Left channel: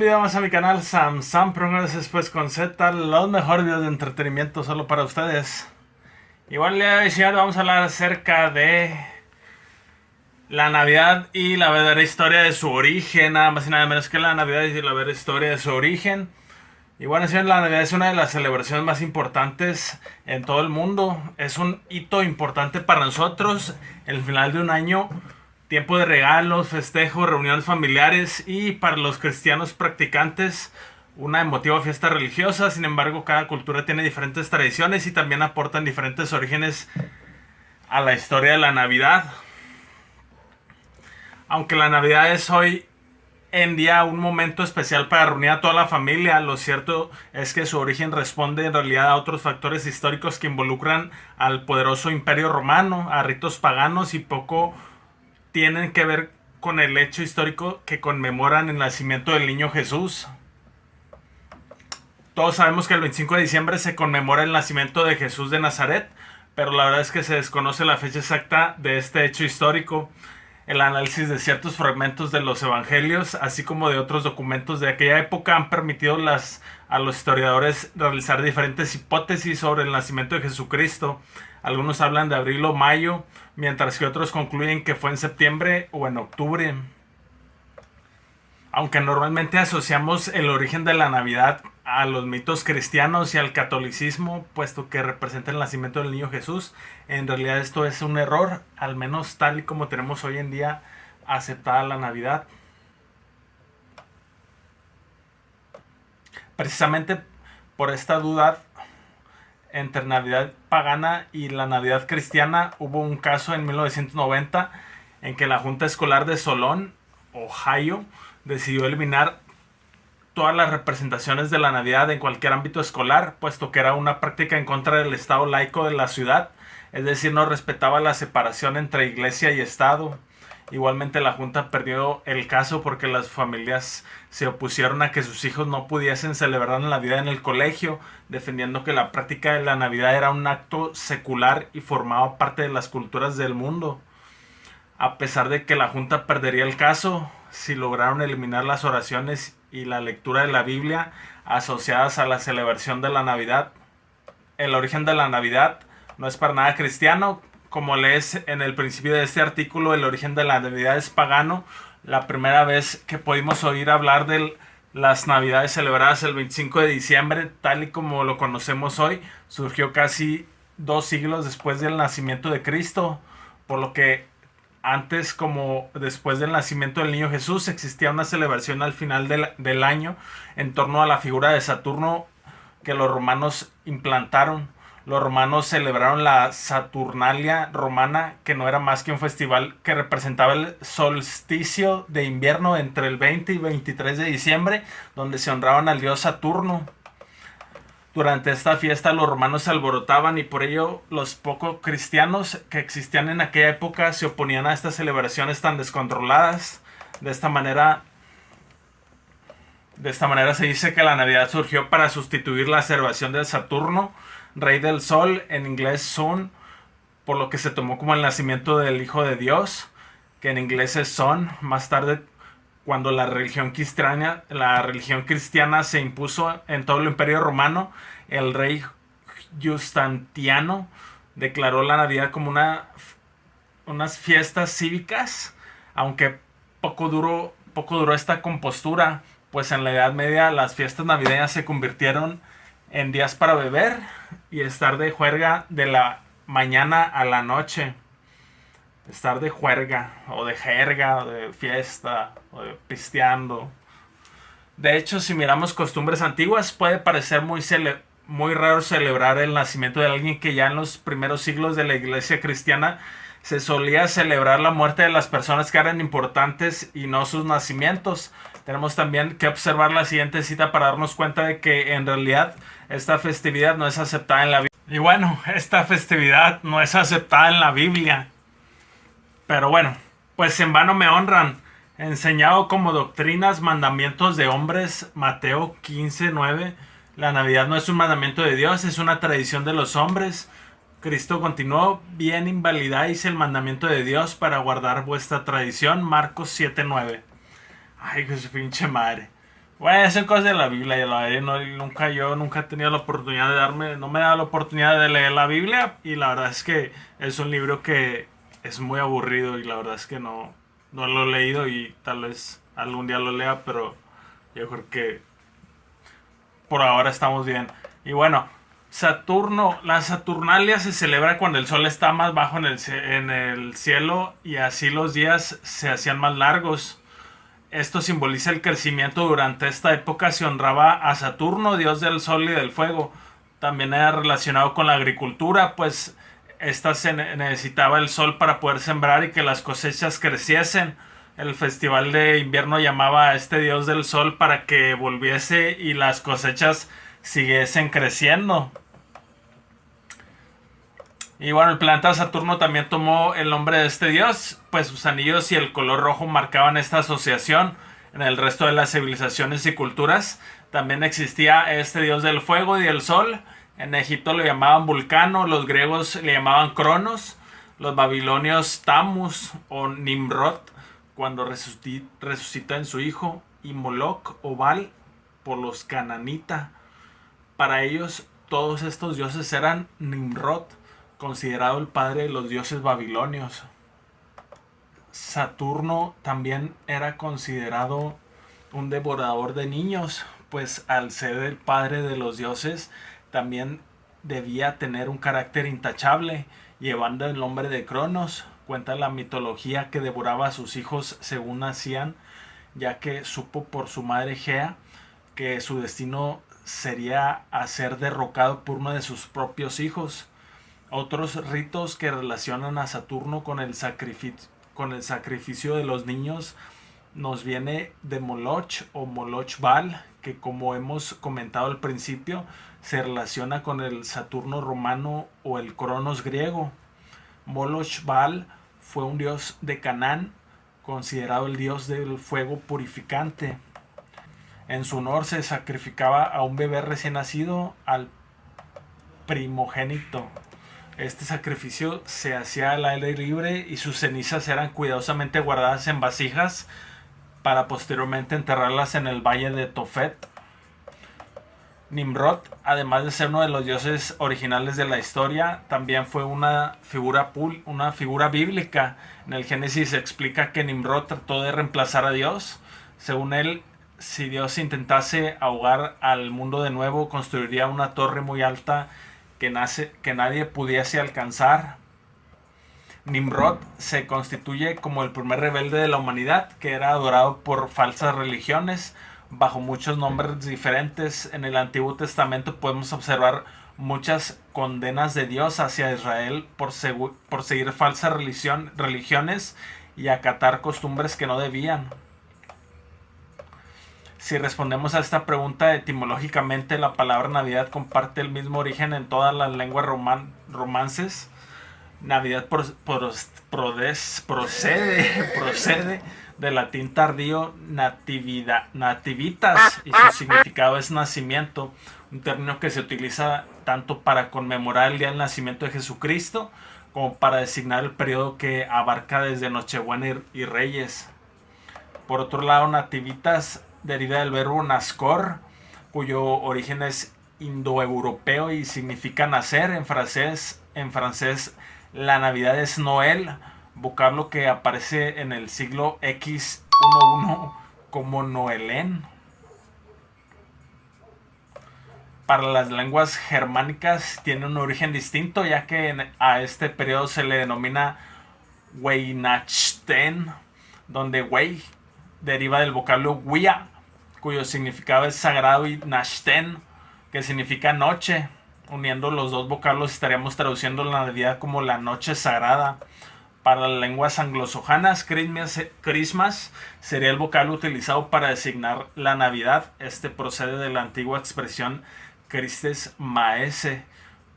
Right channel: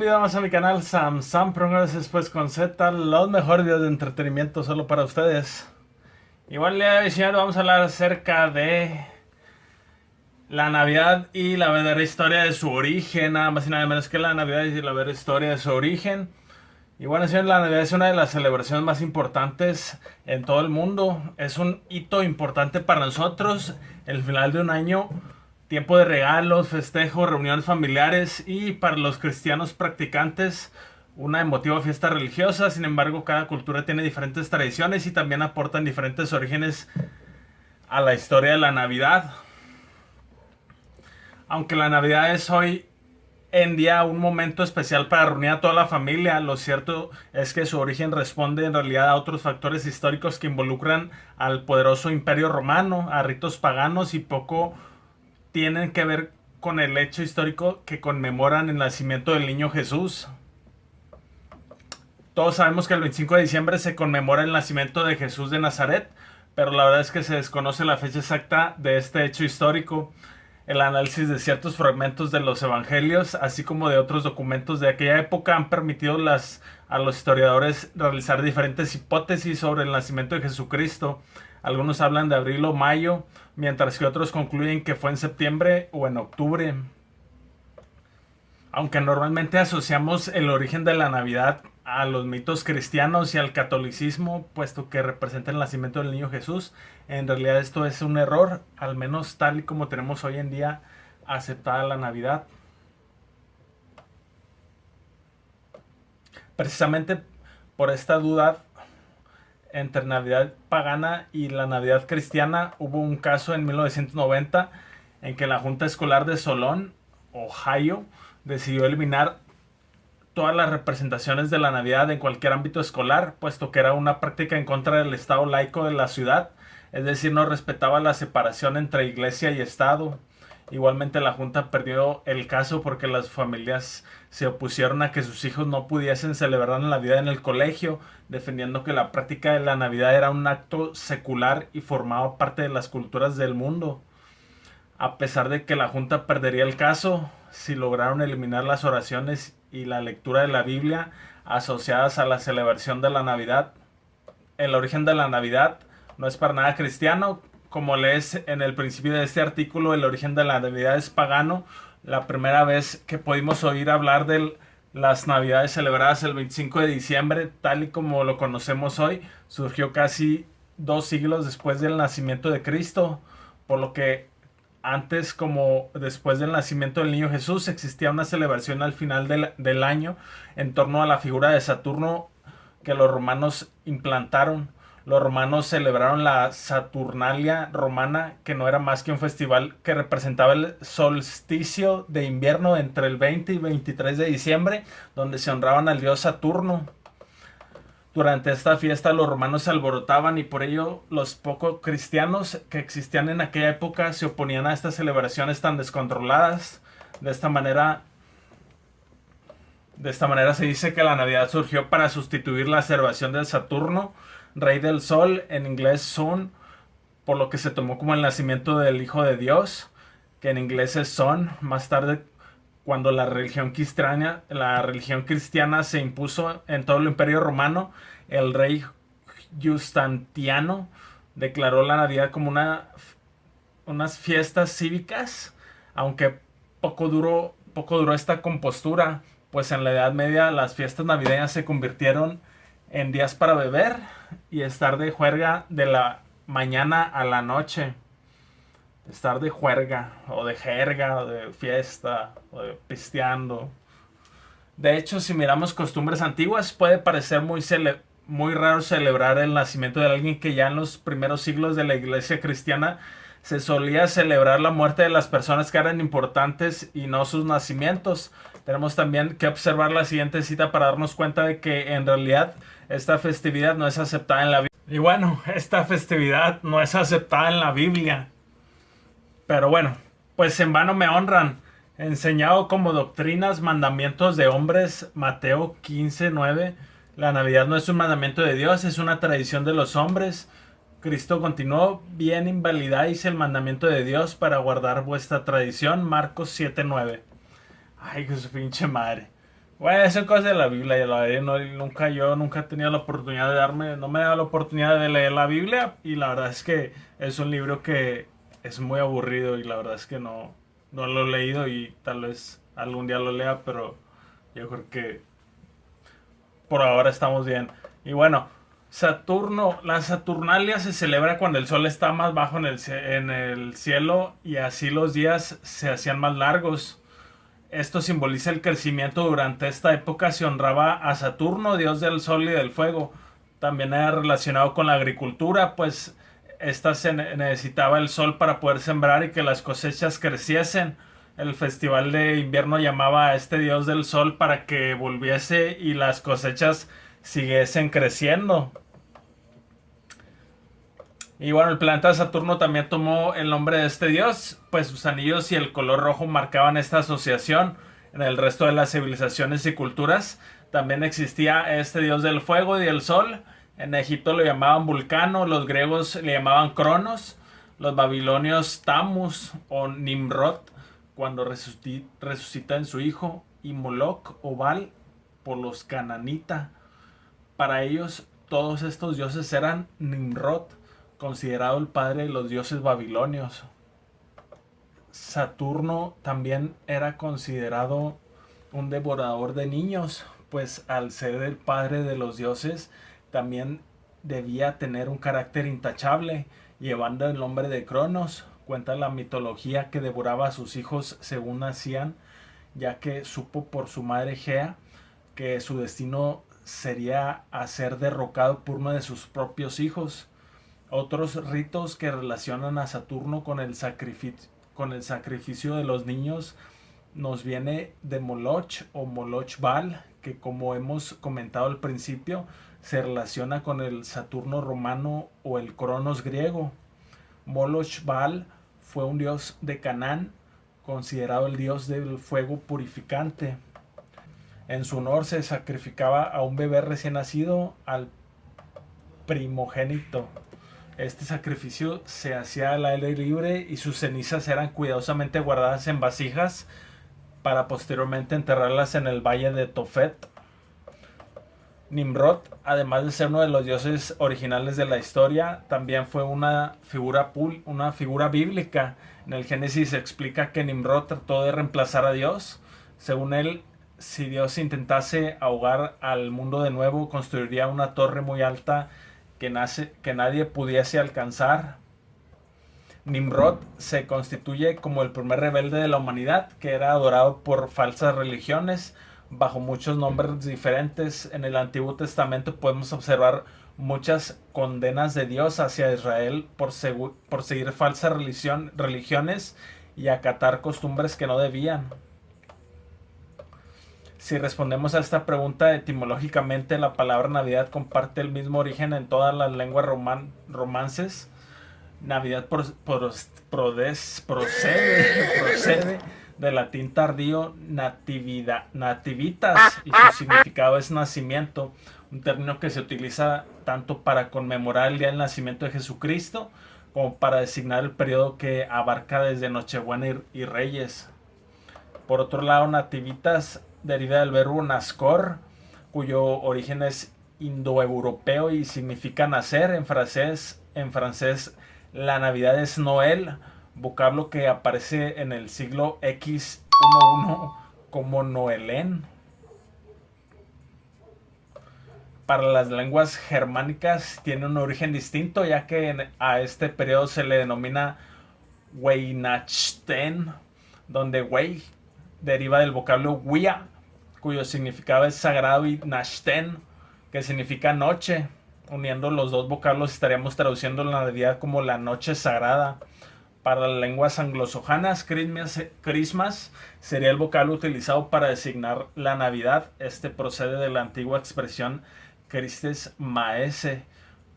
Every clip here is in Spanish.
un video más a mi canal Sam Progress después con Z, los mejores videos de entretenimiento solo para ustedes. Igual el día de hoy vamos a hablar acerca de la Navidad y la verdadera historia de su origen, nada más y nada menos que la Navidad y la verdadera historia de su origen. Y bueno, señores, la Navidad es una de las celebraciones más importantes en todo el mundo. Es un hito importante para nosotros, el final de un año, tiempo de regalos, festejos, reuniones familiares y para los cristianos practicantes una emotiva fiesta religiosa. Sin embargo, cada cultura tiene diferentes tradiciones y también aportan diferentes orígenes a la historia de la Navidad. Aunque la Navidad es hoy en día un momento especial para reunir a toda la familia, lo cierto es que su origen responde en realidad a otros factores históricos que involucran al poderoso Imperio Romano, a ritos paganos y poco tienen que ver con el hecho histórico que conmemoran el nacimiento del niño Jesús. Todos sabemos que el 25 de diciembre se conmemora el nacimiento de Jesús de Nazaret, pero la verdad es que se desconoce la fecha exacta de este hecho histórico. El análisis de ciertos fragmentos de los evangelios, así como de otros documentos de aquella época, han permitido a los historiadores realizar diferentes hipótesis sobre el nacimiento de Jesucristo. Algunos hablan de abril o mayo, mientras que otros concluyen que fue en septiembre o en octubre. Aunque normalmente asociamos el origen de la Navidad a los mitos cristianos y al catolicismo, puesto que representa el nacimiento del niño Jesús, en realidad esto es un error, al menos tal y como tenemos hoy en día aceptada la Navidad. Precisamente por esta duda entre Navidad pagana y la Navidad cristiana, hubo un caso en 1990 en que la Junta Escolar de Solon, Ohio, decidió eliminar todas las representaciones de la Navidad en cualquier ámbito escolar, puesto que era una práctica en contra del estado laico de la ciudad, es decir, no respetaba la separación entre iglesia y estado. Igualmente la Junta perdió el caso porque las familias se opusieron a que sus hijos no pudiesen celebrar la Navidad en el colegio, defendiendo que la práctica de la Navidad era un acto secular y formaba parte de las culturas del mundo. A pesar de que la Junta perdería el caso, si lograron eliminar las oraciones y la lectura de la Biblia asociadas a la celebración de la Navidad. El origen de la Navidad no es para nada cristiano. Como lees en el principio de este artículo, el origen de la Navidad es pagano. La primera vez que pudimos oír hablar de las Navidades celebradas el 25 de diciembre, tal y como lo conocemos hoy, surgió casi 2 siglos después del nacimiento de Cristo, por lo que antes como después del nacimiento del niño Jesús existía una celebración al final del año en torno a la figura de Saturno que los romanos implantaron. Los romanos celebraron la Saturnalia romana, que no era más que un festival que representaba el solsticio de invierno entre el 20 y 23 de diciembre, donde se honraban al dios Saturno. Durante esta fiesta los romanos se alborotaban y por ello los poco cristianos que existían en aquella época se oponían a estas celebraciones tan descontroladas. De esta manera se dice que la Navidad surgió para sustituir la celebración del Saturno, rey del sol, en inglés Sun, por lo que se tomó como el nacimiento del Hijo de Dios, que en inglés es Son. Más tarde, cuando la religión cristiana se impuso en todo el Imperio Romano, el rey Justiniano declaró la Navidad como unas fiestas cívicas, aunque poco duró esta compostura, pues en la Edad Media las fiestas navideñas se convirtieron en días para beber y estar de juerga de la mañana a la noche. Estar de juerga, o de jerga, o de fiesta, o de pisteando. De hecho, si miramos costumbres antiguas, puede parecer muy raro celebrar el nacimiento de alguien que ya en los primeros siglos de la iglesia cristiana se solía celebrar la muerte de las personas que eran importantes y no sus nacimientos. Tenemos también que observar la siguiente cita para darnos cuenta de que en realidad esta festividad no es aceptada en la Biblia. Y bueno, esta festividad no es aceptada en la Biblia. Pero bueno, pues en vano me honran, enseñado como doctrinas, mandamientos de hombres, Mateo 15:9. La Navidad no es un mandamiento de Dios, es una tradición de los hombres. Cristo continuó, bien invalidáis el mandamiento de Dios para guardar vuestra tradición, Marcos 7:9. Ay, que su pinche madre. Bueno, son cosas de la Biblia, y la verdad, yo nunca he tenido la oportunidad no me he dado la oportunidad de leer la Biblia, y la verdad es que es un libro que es muy aburrido, y la verdad es que no lo he leído, y tal vez algún día lo lea, pero yo creo que por ahora estamos bien. Y bueno, la Saturnalia se celebra cuando el sol está más bajo en el cielo, y así los días se hacían más largos. Esto simboliza el crecimiento. Durante esta época se honraba a Saturno, dios del sol y del fuego. También era relacionado con la agricultura, pues esta se necesitaba el sol para poder sembrar y que las cosechas creciesen. El festival de invierno llamaba a este dios del sol para que volviese y las cosechas siguiesen creciendo. Y bueno, el planeta Saturno también tomó el nombre de este dios, pues sus anillos y el color rojo marcaban esta asociación. En el resto de las civilizaciones y culturas también existía este dios del fuego y del sol. En Egipto lo llamaban Vulcano, los griegos le llamaban Cronos, los babilonios Tammuz o Nimrod, cuando resucita en su hijo, y Moloch o Baal por los cananita. Para ellos, todos estos dioses eran Nimrod, considerado el padre de los dioses babilonios. Saturno también era considerado un devorador de niños, pues al ser el padre de los dioses, también debía tener un carácter intachable, llevando el nombre de Cronos. Cuenta la mitología que devoraba a sus hijos según nacían, ya que supo por su madre Gea que su destino sería a ser derrocado por uno de sus propios hijos. Otros ritos que relacionan a Saturno con el sacrificio de los niños nos viene de Moloch o Moloch Baal, que como hemos comentado al principio, se relaciona con el Saturno romano o el Cronos griego. Moloch Baal fue un dios de Canaán, considerado el dios del fuego purificante. En su honor se sacrificaba a un bebé recién nacido, al primogénito. Este sacrificio se hacía al aire libre y sus cenizas eran cuidadosamente guardadas en vasijas para posteriormente enterrarlas en el valle de Tofet. Nimrod, además de ser uno de los dioses originales de la historia, también fue una figura bíblica. En el Génesis se explica que Nimrod trató de reemplazar a Dios. Según él, si Dios intentase ahogar al mundo de nuevo, construiría una torre muy alta que nadie pudiese alcanzar. Nimrod se constituye como el primer rebelde de la humanidad, que era adorado por falsas religiones bajo muchos nombres diferentes. En el Antiguo Testamento podemos observar muchas condenas de Dios hacia Israel por seguir falsas religiones y acatar costumbres que no debían. Si respondemos a esta pregunta etimológicamente, la palabra Navidad comparte el mismo origen en todas las lenguas romances. Navidad procede del latín tardío nativitas, y su significado es nacimiento, un término que se utiliza tanto para conmemorar el día del nacimiento de Jesucristo como para designar el periodo que abarca desde Nochebuena y Reyes. Por otro lado, nativitas deriva del verbo nascor, cuyo origen es indoeuropeo y significa nacer. En francés la Navidad es Noel, vocablo que aparece en el siglo X11 como Noelén. Para las lenguas germánicas tiene un origen distinto, ya que a este periodo se le denomina Weihnachten, donde Wei deriva del vocablo Wia, cuyo significado es sagrado, y Nachten, que significa noche. Uniendo los dos vocablos estaríamos traduciendo la Navidad como la noche sagrada. Para las lenguas anglosajonas, Christmas sería el vocablo utilizado para designar la Navidad. Este procede de la antigua expresión Christes Maese,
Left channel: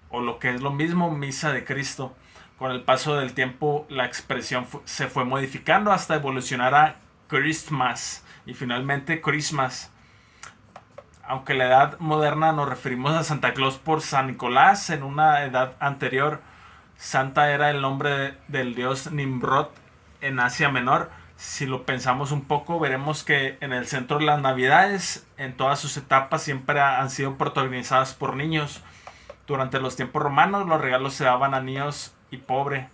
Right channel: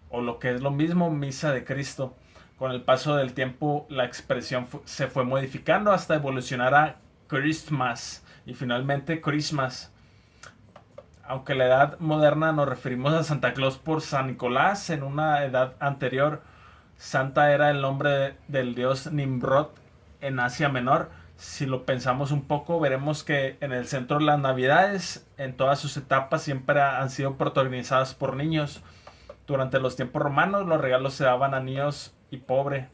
o lo que es lo mismo, misa de Cristo. Con el paso del tiempo, la expresión se fue modificando hasta evolucionar a Christmas y finalmente Christmas. Aunque en la edad moderna nos referimos a Santa Claus por San Nicolás, en una edad anterior Santa era el nombre del dios Nimrod en Asia Menor. Si lo pensamos un poco, veremos que en el centro de las navidades, en todas sus etapas, siempre han sido protagonizadas por niños. Durante los tiempos romanos, los regalos se daban a niños y pobre,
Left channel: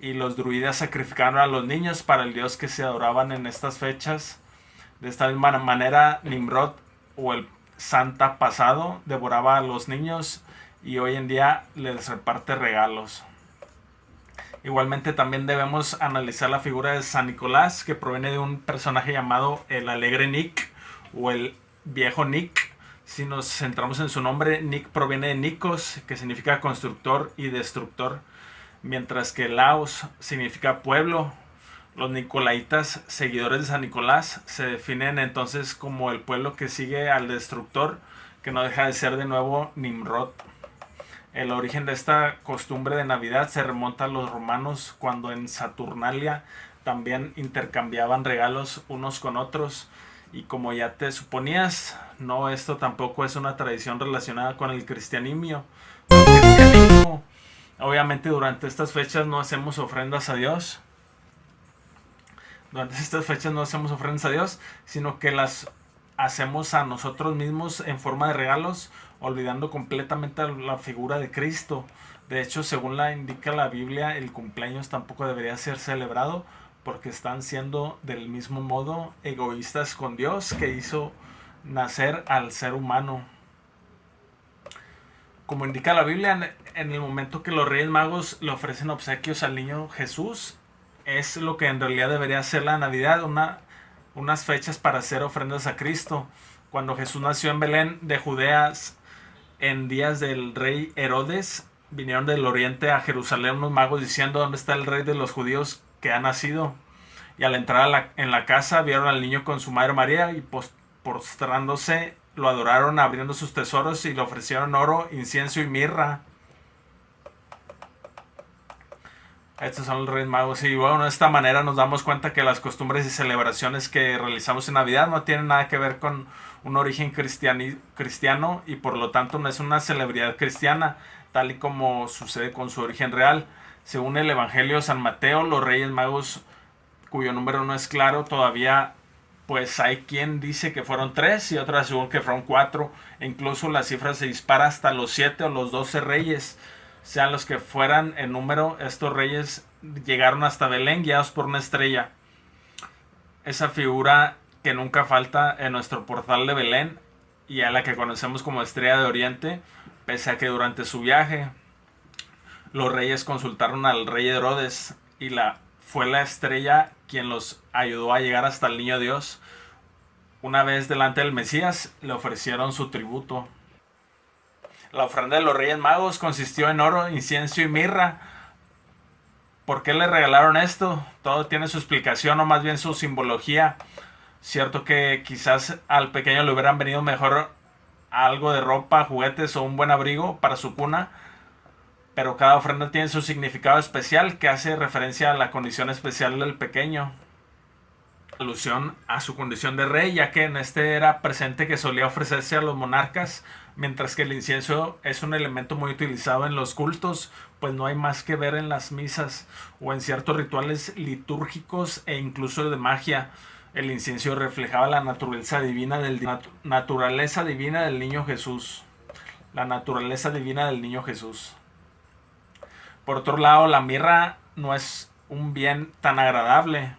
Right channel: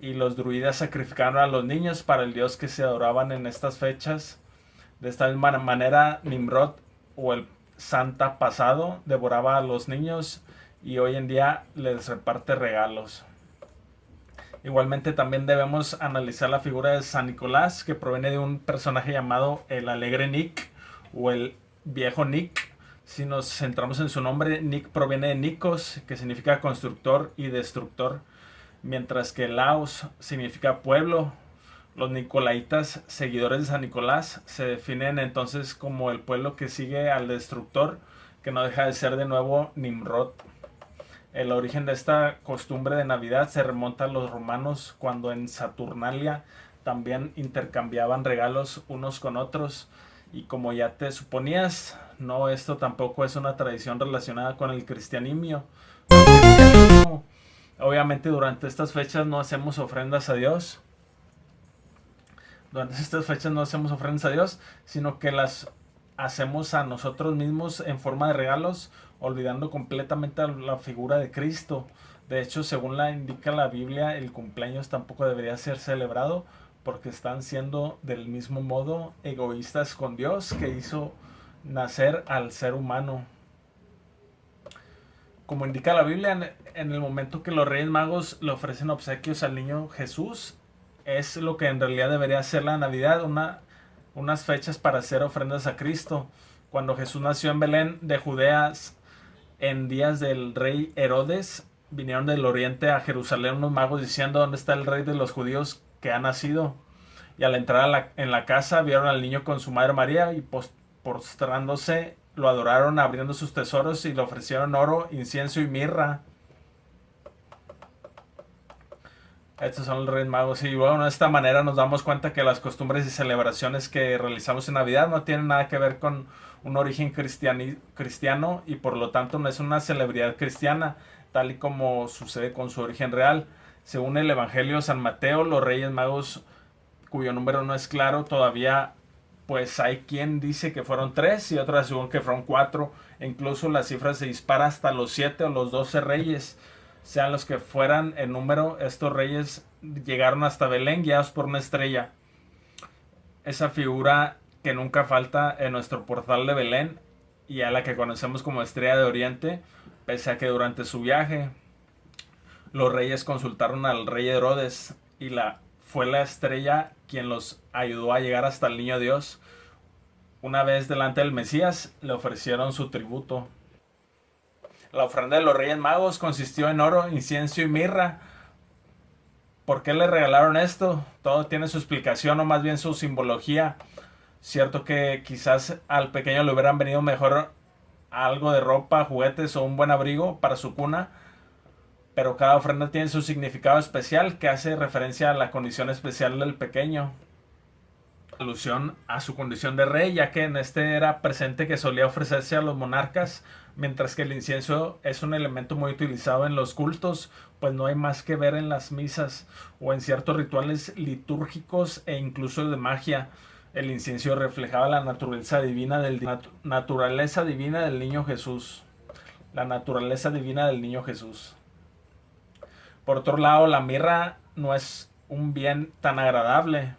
y los druidas sacrificaban a los niños para el dios que se adoraban en estas fechas. De esta misma manera, Nimrod o el Santa pasado devoraba a los niños y hoy en día les reparte regalos. Igualmente también debemos analizar la figura de San Nicolás, que proviene de un personaje llamado el Alegre Nick o el Viejo Nick. Si nos centramos en su nombre, Nick proviene de Nikos, que significa constructor y destructor, mientras que Laos significa pueblo. Los nicolaitas, seguidores de San Nicolás, se definen entonces como el pueblo que sigue al destructor, que no deja de ser de nuevo Nimrod. El origen de esta costumbre de Navidad se remonta a los romanos, cuando en Saturnalia también intercambiaban regalos unos con otros. Y como ya te suponías, no, esto tampoco es una tradición relacionada con el cristianismo. Obviamente durante estas fechas no hacemos ofrendas a Dios. Durante estas fechas no hacemos ofrendas a Dios, sino que las hacemos a nosotros mismos en forma de regalos, olvidando completamente la figura de Cristo. De hecho, según la indica la Biblia, el cumpleaños tampoco debería ser celebrado, porque están siendo del mismo modo egoístas con Dios, que hizo nacer al ser humano. Como indica la Biblia, en el momento que los Reyes Magos le ofrecen obsequios al niño Jesús, es lo que en realidad debería ser la Navidad, unas fechas para hacer ofrendas a Cristo. Cuando Jesús nació en Belén de Judea, en días del rey Herodes, vinieron del oriente a Jerusalén unos magos diciendo: ¿dónde está el rey de los judíos que ha nacido? Y al entrar en la casa, vieron al niño con su madre María y postrándose lo adoraron, abriendo sus tesoros, y le ofrecieron oro, incienso y mirra. Estos son los Reyes Magos. Y bueno, de esta manera nos damos cuenta que las costumbres y celebraciones que realizamos en Navidad no tienen nada que ver con un origen cristiano, y por lo tanto no es una celebridad cristiana, tal y como sucede con su origen real. Según el Evangelio de San Mateo, los Reyes Magos, cuyo número no es claro todavía, pues hay quien dice que fueron 3 y otros según que fueron 4, e incluso la cifra se dispara hasta los 7 o los 12 reyes. Sean los que fueran en número, estos reyes llegaron hasta Belén guiados por una estrella. Esa figura que nunca falta en nuestro portal de Belén, y a la que conocemos como Estrella de Oriente, pese a que durante su viaje los reyes consultaron al rey Herodes, y fue la estrella quien los ayudó a llegar hasta el niño Dios. Una vez delante del Mesías, le ofrecieron su tributo. La ofrenda de los Reyes Magos consistió en oro, incienso y mirra. ¿Por qué le regalaron esto? Todo tiene su explicación, o más bien su simbología. Cierto que quizás al pequeño le hubieran venido mejor algo de ropa, juguetes o un buen abrigo para su cuna, pero cada ofrenda tiene su significado especial, que hace referencia a la condición especial del pequeño. Alusión a su condición de rey, ya que en este era presente que solía ofrecerse a los monarcas, mientras que el incienso es un elemento muy utilizado en los cultos, pues no hay más que ver en las misas o en ciertos rituales litúrgicos e incluso de magia. El incienso reflejaba la naturaleza divina del niño Jesús. La naturaleza divina del niño Jesús. Por otro lado, la mirra no es un bien tan agradable.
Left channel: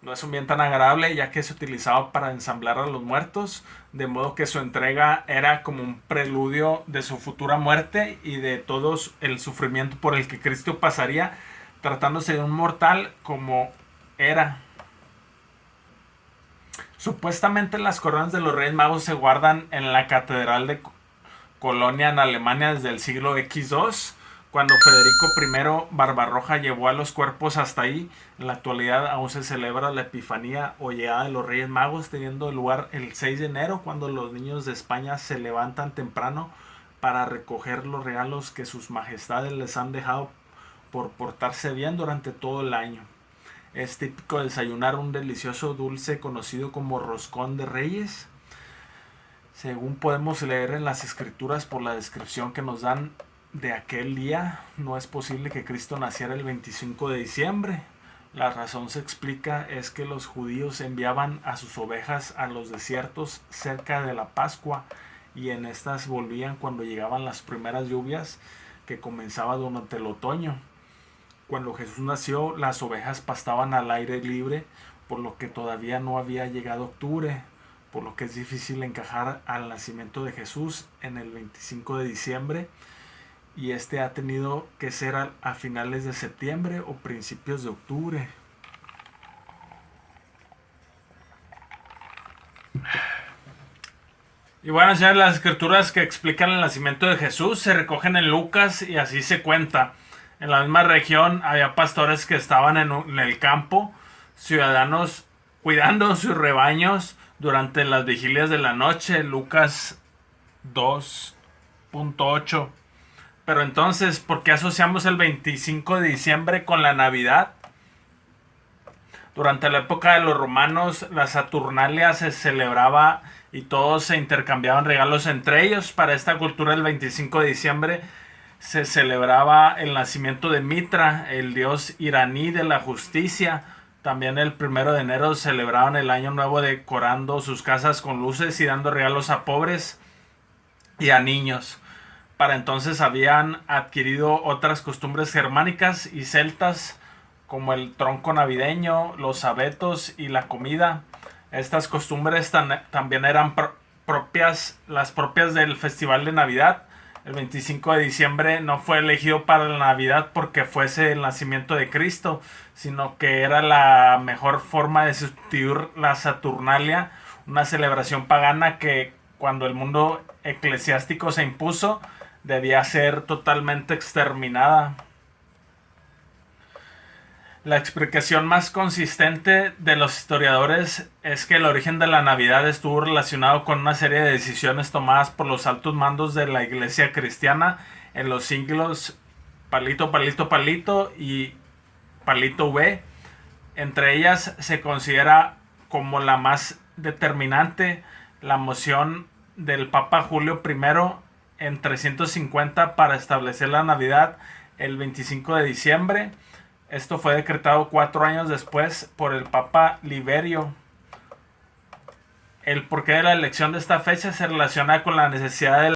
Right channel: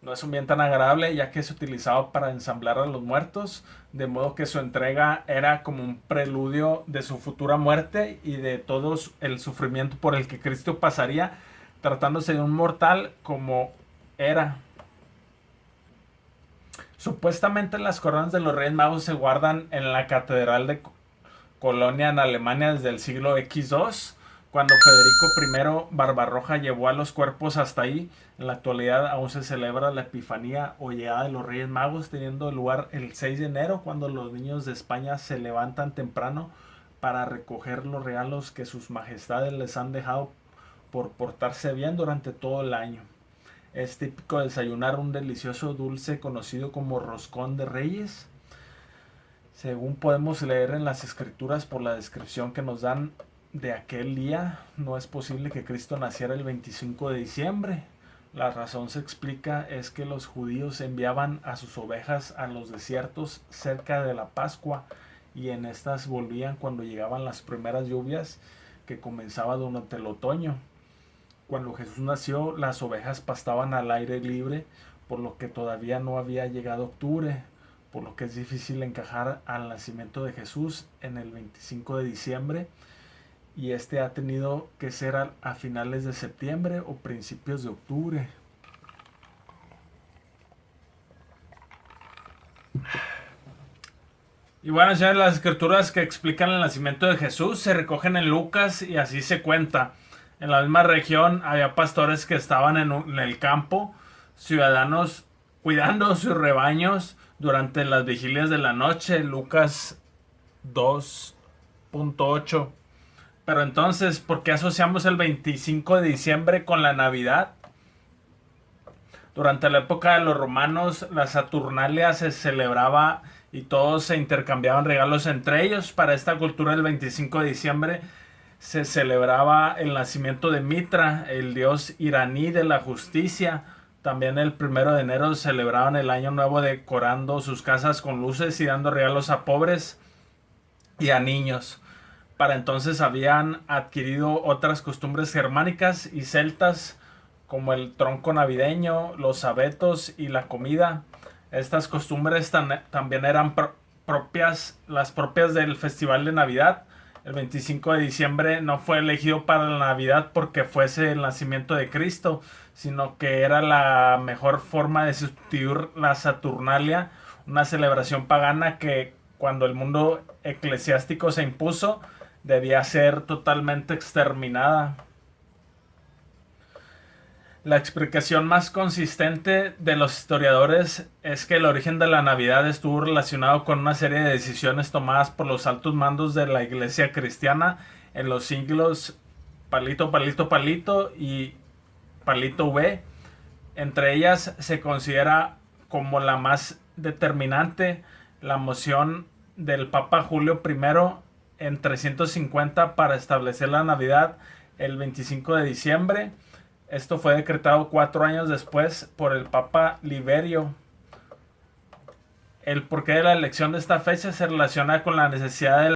No es un bien tan agradable, ya que se utilizaba para ensamblar a los muertos, de modo que su entrega era como un preludio de su futura muerte y de todo el sufrimiento por el que Cristo pasaría, tratándose de un mortal como era. Supuestamente las coronas de los Reyes Magos se guardan en la Catedral de Colonia, en Alemania, desde el siglo X2, cuando Federico I Barbarroja llevó a los cuerpos hasta ahí. En la actualidad aún se celebra la Epifanía o llegada de los Reyes Magos, teniendo lugar el 6 de enero, cuando los niños de España se levantan temprano para recoger los regalos que sus majestades les han dejado por portarse bien durante todo el año. Es típico desayunar un delicioso dulce conocido como roscón de reyes, Según podemos leer en las escrituras por la descripción que nos dan de aquel día, no es posible que Cristo naciera el 25 de diciembre. La razón se explica es que los judíos enviaban a sus ovejas a los desiertos cerca de la Pascua y en estas volvían cuando llegaban las primeras lluvias que comenzaban durante el otoño. Cuando Jesús nació, las ovejas pastaban al aire libre, por lo que todavía no había llegado octubre, por lo que es difícil encajar al nacimiento de Jesús en el 25 de diciembre, y este ha tenido que ser a finales de septiembre o principios de octubre. Y bueno, ya las escrituras que explican el nacimiento de Jesús se recogen en Lucas y así se cuenta. En la misma región había pastores que estaban en el campo, ciudadanos cuidando sus rebaños durante las vigilias de la noche, Lucas 2.8. Pero entonces, ¿por qué asociamos el 25 de diciembre con la Navidad? Durante la época de los romanos, la Saturnalia se celebraba y todos se intercambiaban regalos entre ellos. Para esta cultura, el 25 de diciembre se celebraba el nacimiento de Mitra, el dios iraní de la justicia. También el 1 de enero celebraban el año nuevo decorando sus casas con luces y dando regalos a pobres y a niños. Para entonces habían adquirido otras costumbres germánicas y celtas como el tronco navideño, los abetos y la comida. Estas costumbres también eran las propias del Festival de Navidad. El 25 de diciembre no fue elegido para la Navidad porque fuese el nacimiento de Cristo, sino que era la mejor forma de sustituir la Saturnalia, una celebración pagana que cuando el mundo eclesiástico se impuso debía ser totalmente exterminada. La explicación más consistente de los historiadores es que el origen de la Navidad estuvo relacionado con una serie de decisiones tomadas por los altos mandos de la Iglesia cristiana en los siglos palito, palito, palito y palito V. Entre ellas se considera como la más determinante la moción del Papa Julio I en 350 para establecer la Navidad el 25 de diciembre. Esto fue decretado 4 años después por el Papa Liberio. El porqué de la elección de esta fecha se relaciona con la necesidad de